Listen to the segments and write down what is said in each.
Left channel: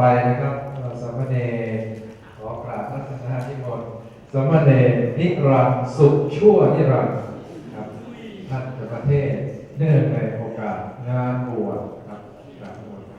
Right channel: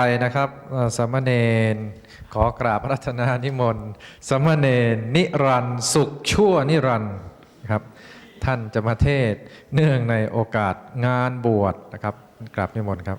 ไปนะครับสมณเณรขอกราบรัตนานิมนต์สมณเณรนิรันดร์สุขชั่วนิรันดร์ครับ ท่านจะมาเทศเนื่องในโอกาสงานบวชนะครับกราบนิมนต์ครับ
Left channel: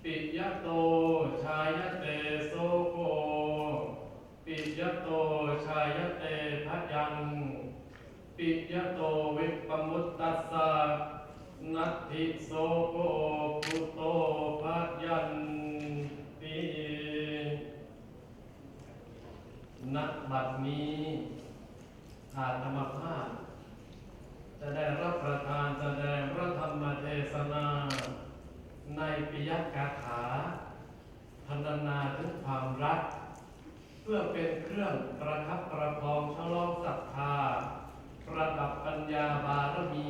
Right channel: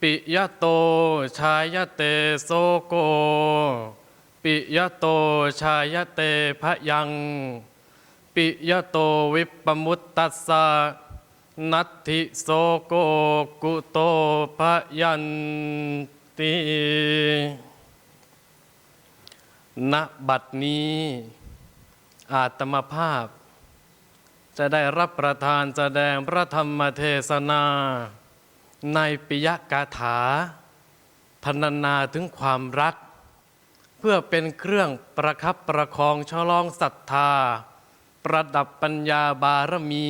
ปิยโตชายเตโสโก ปิยโตชายเตพะยัง ปิยโตวิปปมุตตัสสะนัตถิโสโกกุโตพะยันติณบัดนี้ อาตมภาพ จะได้รับประทานแสดงพระธรรมเทศนา ในปิยกาถาพรรณนาถึงความรัก เพื่อเป็นเครื่องประคับประคองชะลองศรัทธา ประดับปัญญาบารมี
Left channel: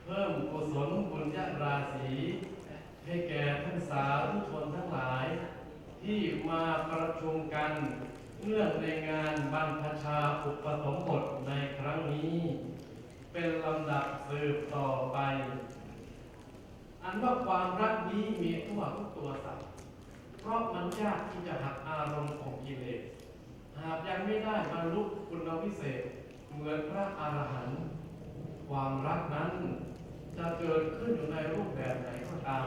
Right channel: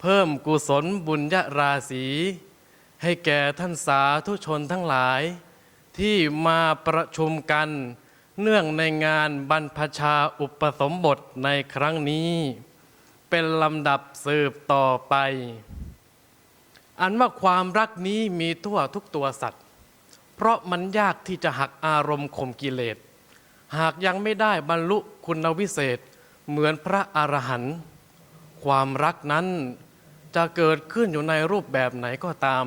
เพิ่มกุศลบุญญาราศีให้แก่ท่านสาธุชนทั้งหลาย ที่มาประชุมกัน เนื่องในงานบรรพชาอุปสมบทในครั้งนี้ เป็นลำดับสืบต่อไป อันว่าความรักนี้มีทั่วทุกตัวสัตว์ เพราะมันยากที่จะหักอารมณ์ข่มกิเลส หากยังไม่ได้บรรลุคุณวิเศษ เหมือนพระอรหันต์ความรักนั้นจะเกิดขึ้นอยู่ในรูปแบบไหนก็ตาม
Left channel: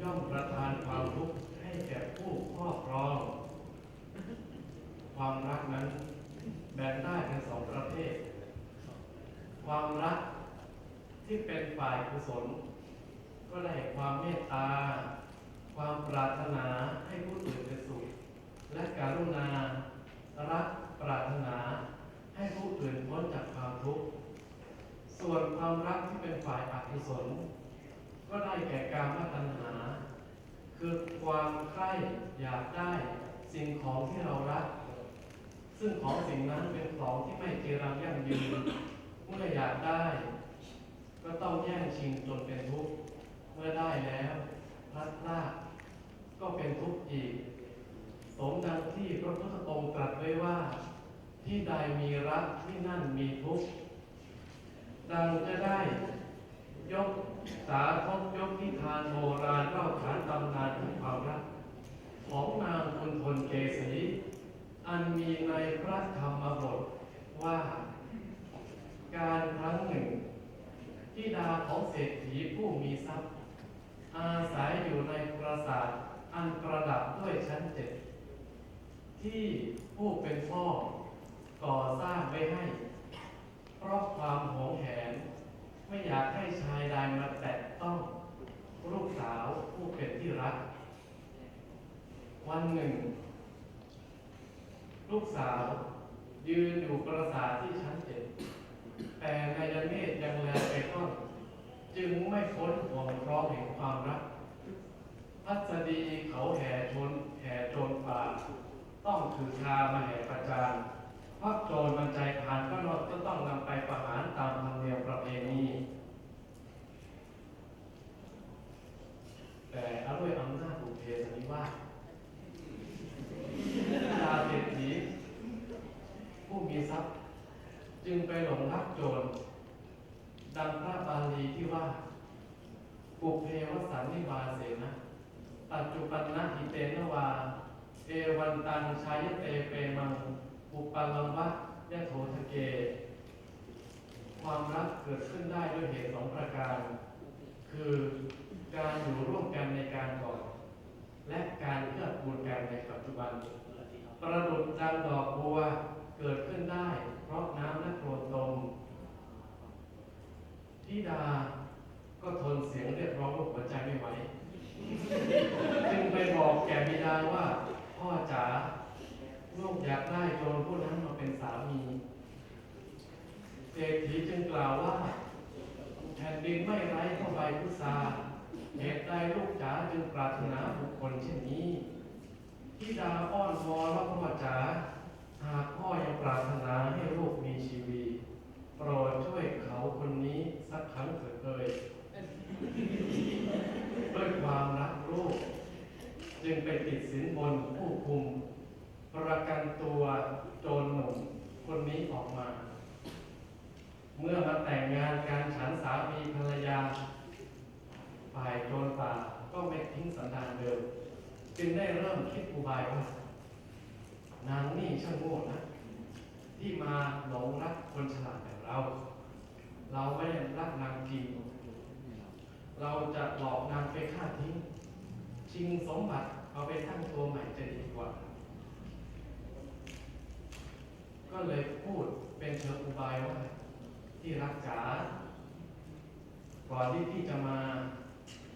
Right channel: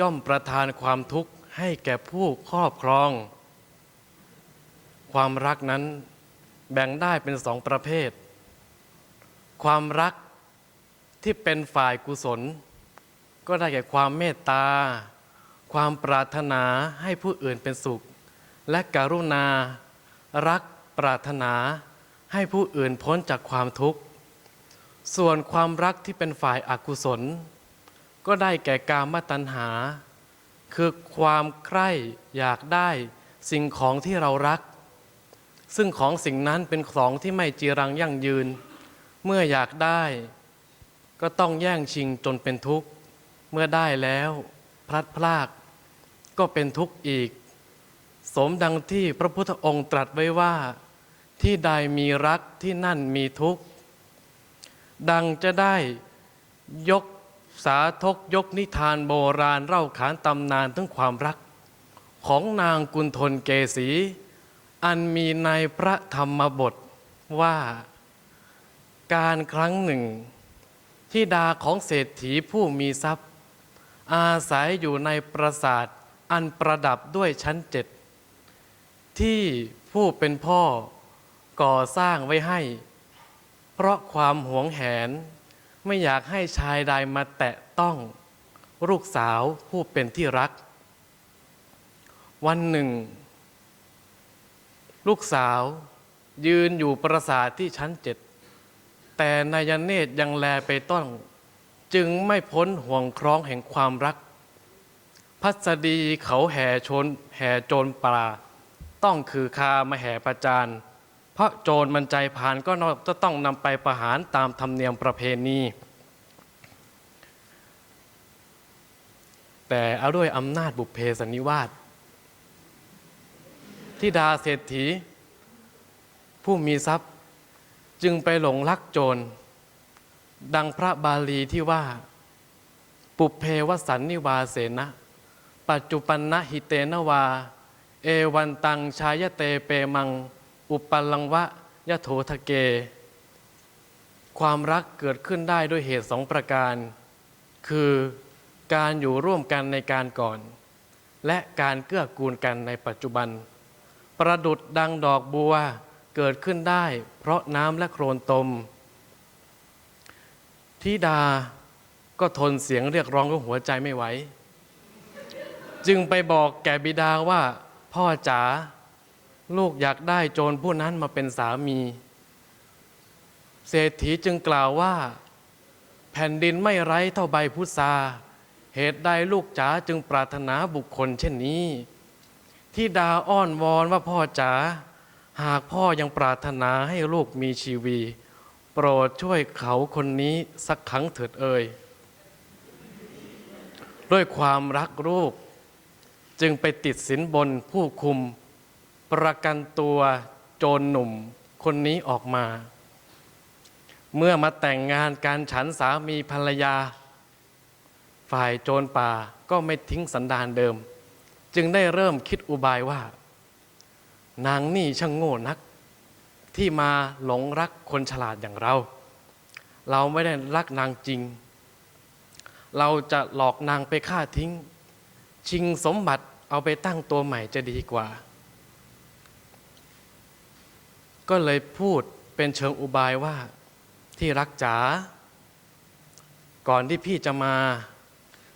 ย่อมประทานความทุกข์ให้แก่ผู้ครอบครอง ความรักนั้นแบ่งได้เป็นสองประเภท ความรักที่เป็นฝ่ายกุศล ก็ได้แก่ความเมตตา ความปรารถนาให้ผู้อื่นเป็นสุข และกรุณา รักปรารถนาให้ผู้อื่นพ้นจากความทุกข์ ส่วนความรักที่เป็นฝ่ายอากุศล ก็ได้แก่กามตัณหา คือความใคร่อยากได้สิ่งของที่เรารัก ซึ่งของสิ่งนั้นเป็นของที่ไม่จีรังยั่งยืน เมื่ออยากได้ ก็ต้องแย่งชิงจนเป็นทุกข์ เมื่อได้แล้วพลัดพรากก็เป็นทุกข์อีก สมดังที่พระพุทธองค์ตรัสไว้ว่า ที่ใดมีรักที่นั่นมีทุกข์ ดังจะได้ยกสาธกยกนิทานโบราณเล่าขานตำนานถึงความรัก ของนางกุณฑลเกษี อันมีในพระธรรมบทว่า การครั้งหนึ่งที่ดาของเศรษฐีผู้มีทรัพย์ อาศัยอยู่ในปราสาทอันประดับด้วยชั้นเจ็ดที่ผู้เป็นพ่อก่อสร้างไว้ให้ เพราะความหวงแหน ไม่อยากให้ชายใดมาแตะต้องลูกสาวผู้เป็นที่รัก วันหนึ่ง ลูกสาวยืนอยู่ปราสาทที่ชั้นเจ็ดแต่นายเนตรยังแลไปต้น จึงไม่พ้นห่วงคล้องแห่งความรัก พัสดีเขาแห่ชนแห่โจรป่าต้องคือคามาแห่ประจานเพราะโจรมันใจผ่านก็จะต้องนำไปประหารตามธรรมเนียมประเพณี แต่เอาด้วยอำนาจบุพเพสันนิวาสที่ดาเศรษฐี ผู้มีทรัพย์จึงไปหลงรักโจร ดังพระบาลีที่ว่า ปุเพวสันนิวาเสนะ ปัจจุปันนะหิเตนวา เอวันตังชายเตเปมัง อุปปัลลังวะยะโถทะเก ความรักเกิดขึ้นได้ด้วยเหตุสองประการ คือการอยู่ร่วมกันในการก่อน และการเกื้อกูลกันในปัจจุบัน ประดุดดังดอกบัวเกิดขึ้นได้ เพราะน้ำและโครนตม ทิดาก็ทนเสียงเรียกร้องของหัวใจไม่ไหว จึงไปบอกแก่บิดาว่า พ่อจ๋าลูกอยากได้โจรผู้นั้นมาเป็นสามี เศรษฐีจึงกล่าวว่า แผ่นดินไม่ไร้เท่าใบพุทราเหตุใดลูกจ๋าจึงปรารถนาบุคคลเช่นนี้ที่ดาอ้อนวอนว่าพ่อจ๋าหากพ่อยังปรารถนาให้ลูกมีชีวี โปรดช่วยเขาคนนี้สักครั้งเถิดเอ่ยด้วยความรักรูป จึงไปติดสินบนผู้คุม ประกันตัวโจรหนุ่มคนนี้ออกมา เมื่อมาแต่งงานการฉันสามีภรรยา ฝ่ายโจรป่าก็ไม่ทิ้งสันดานเดิม จึงได้เริ่มคิดอุบายว่า นางนี่ช่างโง่นัก ที่มาหลงรักคนฉลาดอย่างเรา เราไม่ได้รักนางจริง เราจะหลอกนางไปฆ่าทิ้ง ชิงสมบัติเอาไปตั้งตัวใหม่จะดีกว่า ก็เลยพูดเป็นเชิงอุบายว่าที่รักจ๋าก่อนที่พี่จะมา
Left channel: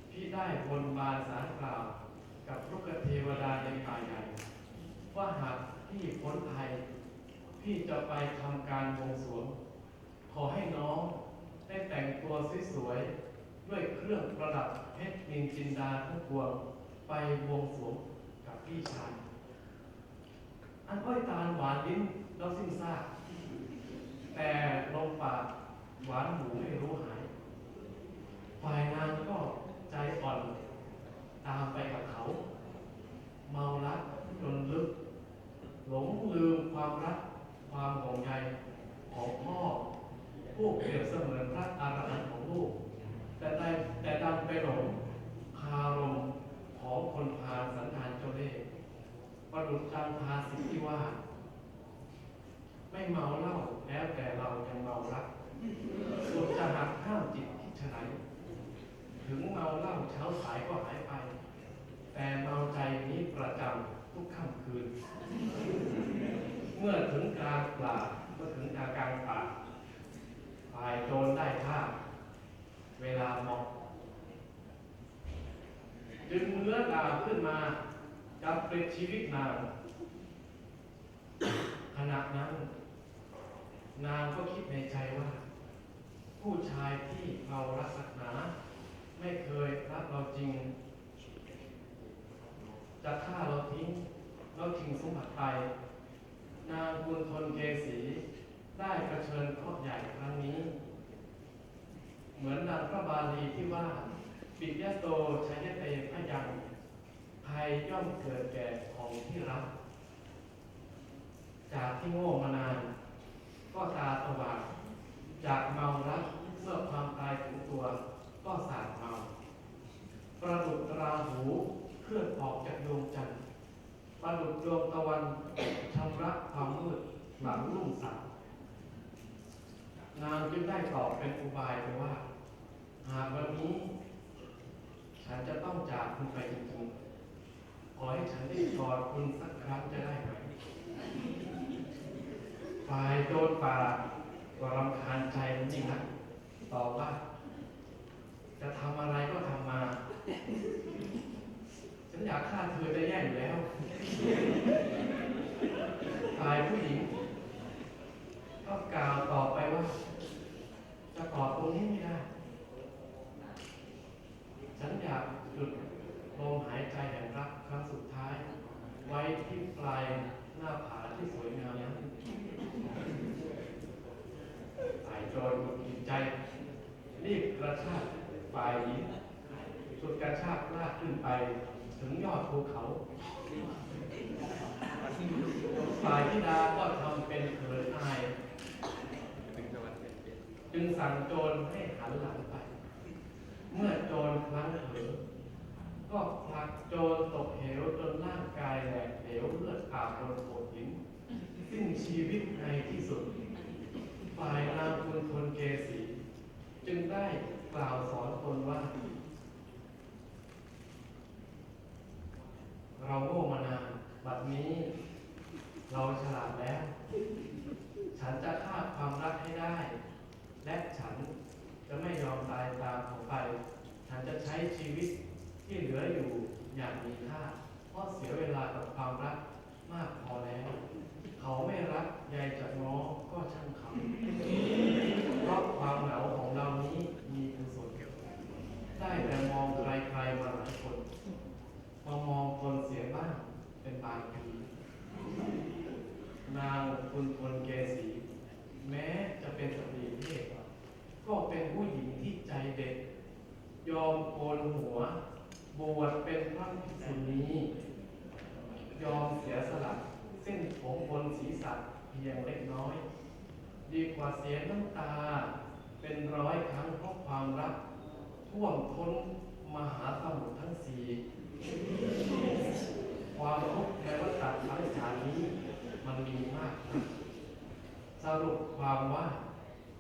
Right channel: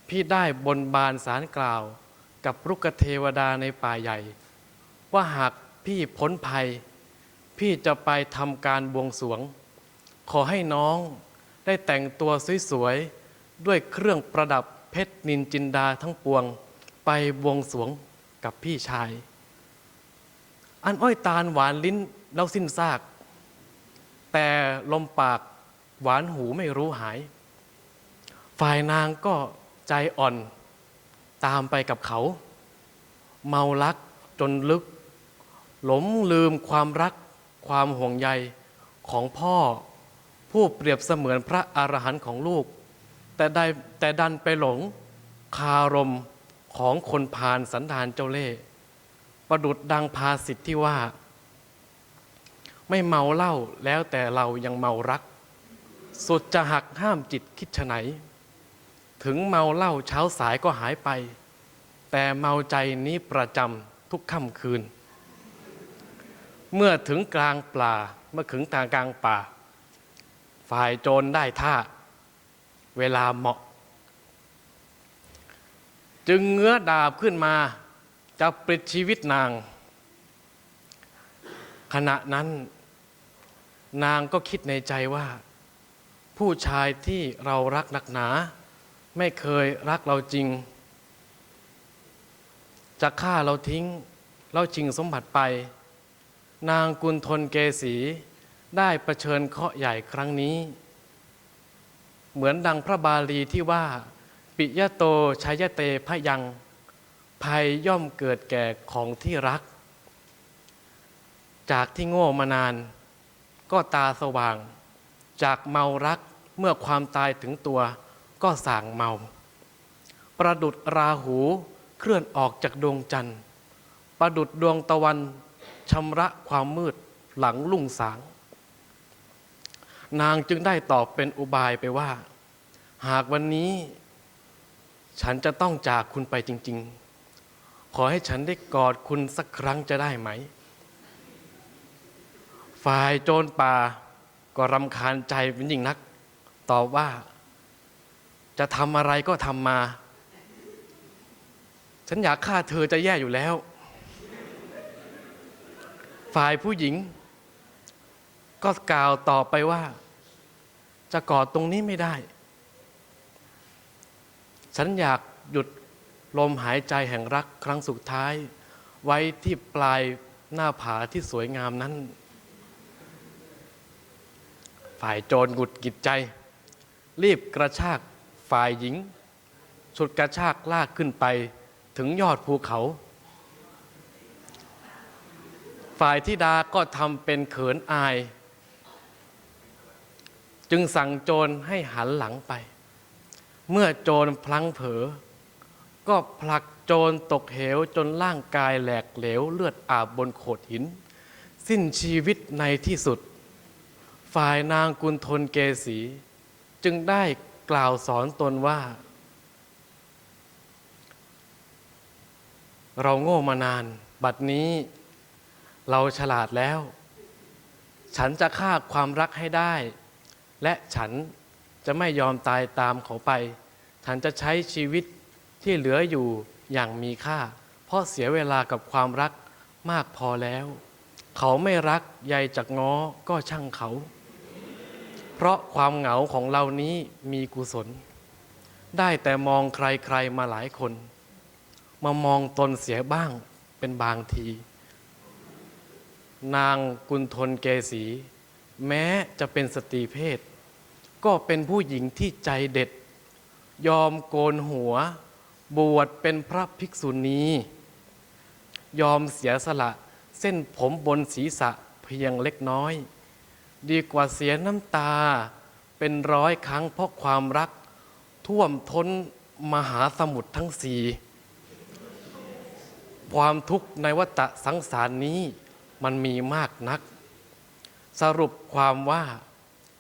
พี่ได้บนบานสารกล่าวกับรุกเทวดาในป่าใหญ่ ว่าหากพี่พ้นภัย พี่จะไปทำการบวงสวง ขอให้น้องได้แต่งตัวสวยๆ ด้วยเครื่องประดับเพชรนินจินดาทั้งปวง ไปบวงสวงกับพี่ชาย อันอ้อยตาลหวานลิ้นแล้วสิ้นซาก แต่ลมปากหวานหูไม่รู้หาย ฝ่ายนางก็ใจอ่อนตามไปกับเขา เมารักจนลึก หลงลืมความรัก ความห่วงใยของพ่อ ผู้เปรียบเสมือนพระอรหันต์ของลูก แต่ได้แต่ดันไปหลงคารมของคนพาลสันดานเจ้าเล่ห์ประดุดดังภาสิทธิ์ที่ว่า ไม่เมาเหล้าแล้วแต่เรายังเมารัก สุดจะหักห้ามจิตคิดไฉนถึงเมาเหล้าเช้าสายก็หายไป แต่เมาใจนี้ประจำทุกค่ำคืน เมื่อถึงกลางป่าเมื่อถึงทางกลางป่า ฝ่ายโจรได้ท่า เวลาเหมาะ จึงเงื้อดาบขึ้นมา จะปลิดชีวิตนาง ขณะนั้นนางก็คิดในใจว่า ผู้ชายที่เรารักนักหนา ไม่เคยรักเราจริง จะฆ่าเราทิ้ง เราจริงสมบัติไป นางกุลทนเกษีได้ประเชิญเคราะห์ใหญ่ครั้งนี้ เหมือนดังพระบาลีที่ว่า ปิยโตชัยเตพยัง ภัยย่อมเกิดแก่ของที่รัก จากที่โง่มานาน ก็ตาสว่าง จากเมารักเมื่อความตายถึงตัวก็ส่างเมา ประดุดราหูเคลื่อนออกจากดวงจันทร์ ประดุดดวงตะวัน ชำระความมืดหลังลุ่งสาง นางจึงได้ตอบเป็นอุบายไปว่า หากวันนี้ ฉันจะต้องจากคุณไปจริง ๆ ขอให้ฉันได้กอดคุณสักครั้งจะได้ไหม ฝ่ายโจรป่าก็รำคาญใจเป็นยิ่งนัก ตอบว่า จะทำอะไรก็ทำมา ฉันอยากฆ่าเธอจะแย่อยู่แล้ว ฝ่ายผู้หญิง ก็กล่าวต่อไปว่า จะกอดตรงนี้ไม่ได้ ฉันอยากหยุดลมหายใจแห่งรักครั้งสุดท้าย ไว้ที่ปลายหน้าผาที่สวยงามนั้น ฝ่ายโจรหงุดหงิดใจ รีบกระชากฝ่ายหญิงฉุดกระชากลากขึ้นไปถึงยอดภูเขา ฝ่ายธิดาก็ทำเป็นเขินอาย จึงสั่งโจรให้หันหลังไป เมื่อโจรพลังเผลอก็ผลักโจรตกเหวจนร่างกายแหลกเหลวเลือดอาบบนโขดหิน สิ้นชีวิตในที่สุด ฝ่ายนางกุลทนเกษี จึงได้กล่าวสอนตนว่า เราโง่มานาน บัดนี้ เราฉลาดแล้ว ฉันจะฆ่าความรักให้ได้ และฉันจะไม่ยอมตายตามเขาไป ฉันจะใช้ชีวิตที่เหลืออยู่อย่างมีค่า เพราะเสียเวลากับความรักมากพอแล้ว เขาไม่รักใยจากง้อก็ช่างเขา เพราะความเหงาของเรานี้มีกุศล ได้แต่มองใครๆมาหลายคน มามองตนเสียบ้างเป็นบางที นางกุลทนเกษี แม้จะเป็นสตรีเพศ ก็เป็นผู้หญิงที่ใจเด็ด ยอมโกนหัว บวชเป็นพระภิกษุณียอมเสียสละเส้นผมบนศีรษะเพียงเล็กน้อย ดีกว่าเสียน้ำตาเป็นร้อยครั้งเพราะความรัก ท่วมท้นมหาสมุทรทั้งสี่ความทุกข์ในวัฏสังสารนี้ มันมีมากนัก สรุปความว่า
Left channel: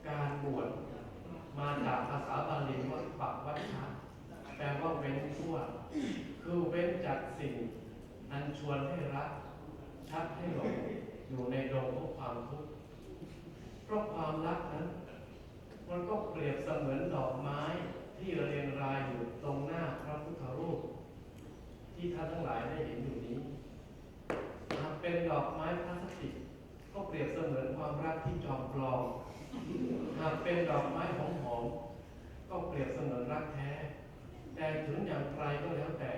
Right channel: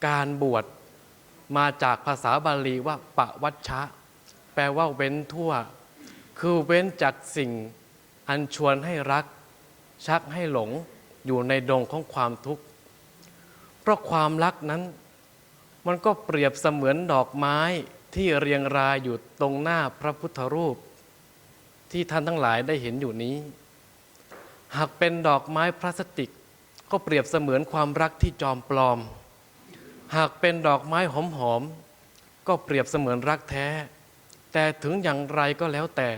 การบวชมาจากภาษาบาลีว่าปะวัชชะ แปลว่าเว้นทั่ว คือเว้นจากสิ่งอันชวนให้รัก ชักให้หลงอยู่ในดงของความทุกข์ เพราะความรักนั้น มันก็เปรียบเสมือนดอกไม้ที่เรียงรายอยู่ตรงหน้าพระพุทธรูป ที่ท่านทั้งหลายได้เห็นอยู่นี้ หากเป็นดอกไม้พลาสติก ก็เปรียบเสมือนความรักที่จอมปลอม หากเป็นดอกไม้หอมๆก็เปรียบเสมือนรักแท้ แต่ถึงอย่างไรก็แล้วแต่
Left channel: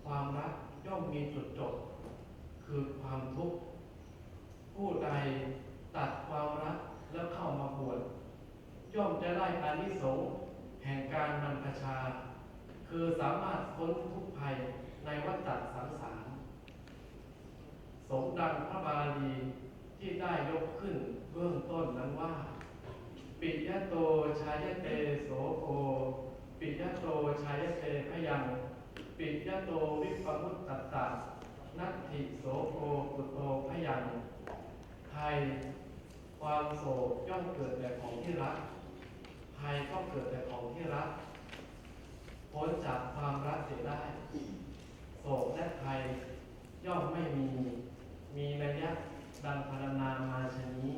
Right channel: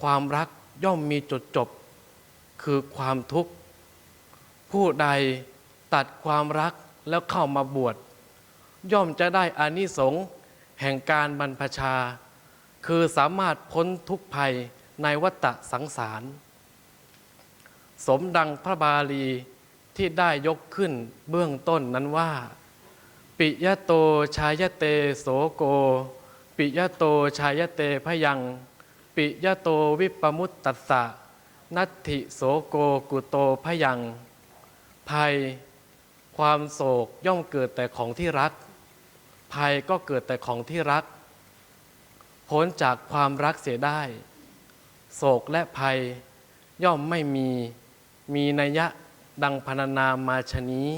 ความรักย่อมมีจุดจบ คือความทุกข์ ผู้ใดตัดความรักแล้วเข้ามาบวช ย่อมจะได้อานิสงส์แห่งการบรรพชา คือสามารถพ้นทุกข์ภัยในวัฏสังสาร สมดังพระบาลีที่ได้ยกขึ้นเบื้องต้นนั้นว่า ปิยะโตชายเตโสโก ปิยะโตชายเตพยัง ปิยะโตวิปมุตตัสสะนัตถิโสโกกุโตพยัง ภัย ความโศกย่อมเกิดแต่ของที่รัก ภัยก็เกิดแต่ของที่รัก พ้นจากความรักเสียได้ โศกและภัยย่อมไม่มี มีนัยยะดังพรรณนามาชนี้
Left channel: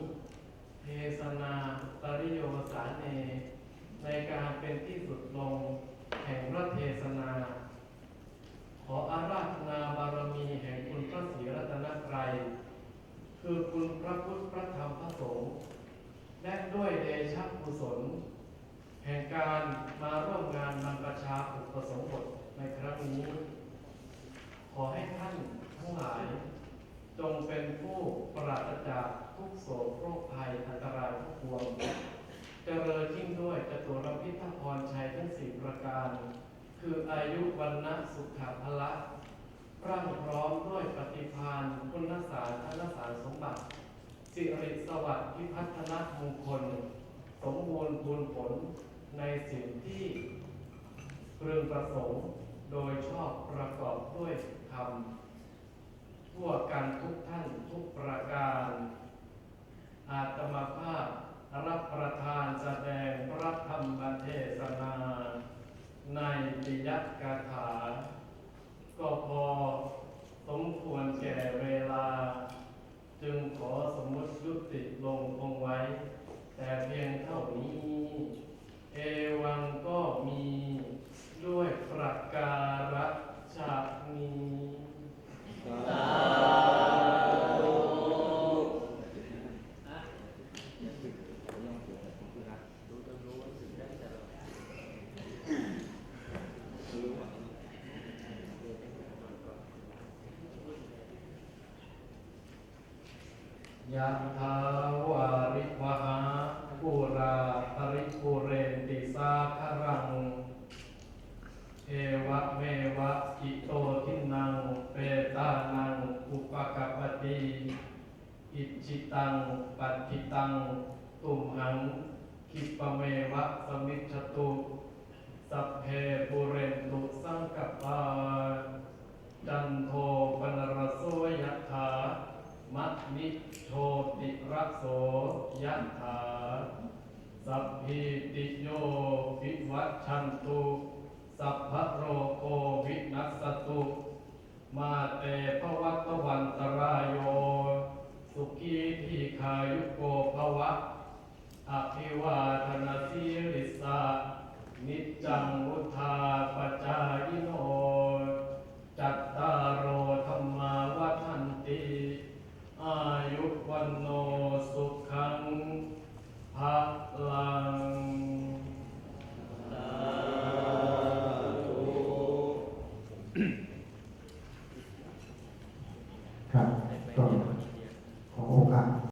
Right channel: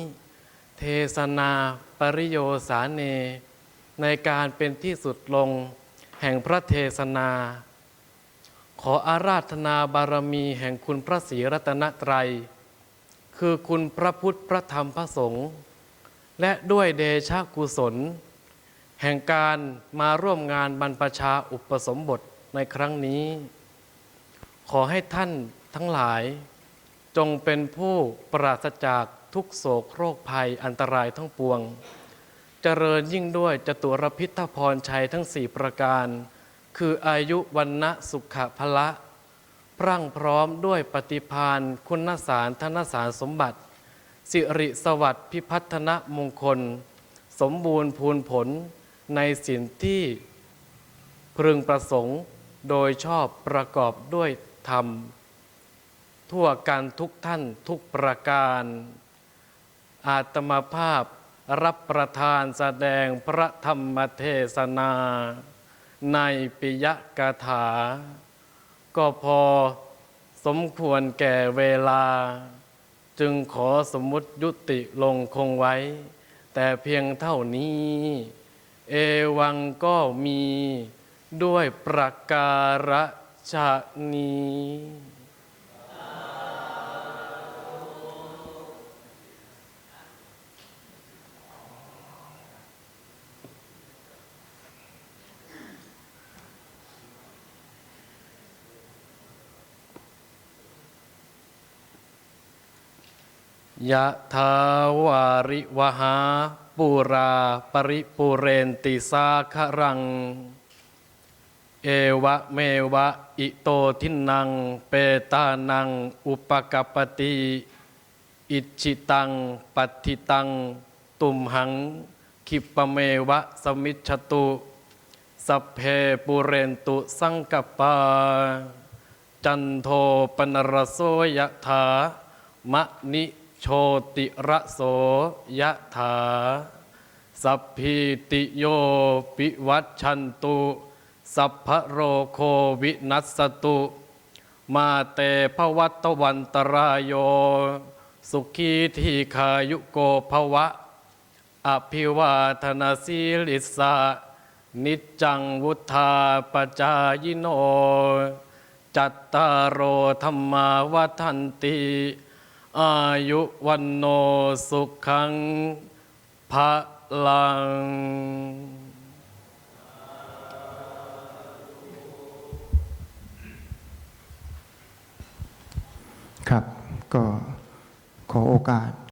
เทศนาปริโยสาเน ในการเป็นที่สุดลงแห่งพระเทศนา ขออาราธนาบารมีแห่งคุณพระศรีรัตนตรัย คือคุณพระพุทธพระธรรมพระสงฆ์และด้วยเดชะกุศล แห่งการมาร่วมงานบรรพชาอุปสมบทในครั้งนี้ ขอให้ท่านทั้งหลาย จงเป็นผู้ปราศจากทุกโศกโรคภัยอันตรายทั้งปวง เจริญยิ่งด้วยจตุรพิทพรชัยทั้งสี่ประการ คืออายุวันนะสุขภละ พรั่งพร้อมด้วยปฏิพานคุณสารธนสารสมบัติ สิริสวัสดิ์พิพัฒนมงคล สมบูรณ์พูนผลในสิ่งที่พึงประสงค์โดยชอบประกอบด้วยธรรม ทั่วกันทุกท่านทุกประการ อาตมาภาพรับประทานแสดงพระธรรมเทศนา ในปิยกถา ก็พอสมควรแก่เวลา จึงขอสมมุติยุติลงคงไว้ แต่เพียงเท่านี้ เอวังก็มีด้วยประการฉะนี้ ยะทาวาริวหาปุราปริปุเรนติสาครัง เอวะเมวะอิโตทินัง เปตานัง อุปกปปติ อิจิตังปัตติตัง ตุมหังคิปะเมวะสมิจฉตุสัพเพปุเรนตุสังกปา จันโทปนรโสยะถามะนิ โชติระโสยะถา สัพพิติโยปิวัชชันตุ สัพพโรโควินัสตุ มาเตภวัตวันตรายโย สุขีทีขายุโกภวะ อภิวาทนาสีลิสานิจจังวุธาปจายโน จัตตารโอธรรมาวัฏันติ อายุวันโนสุขังพระลัง ครับก็ขอโอกาส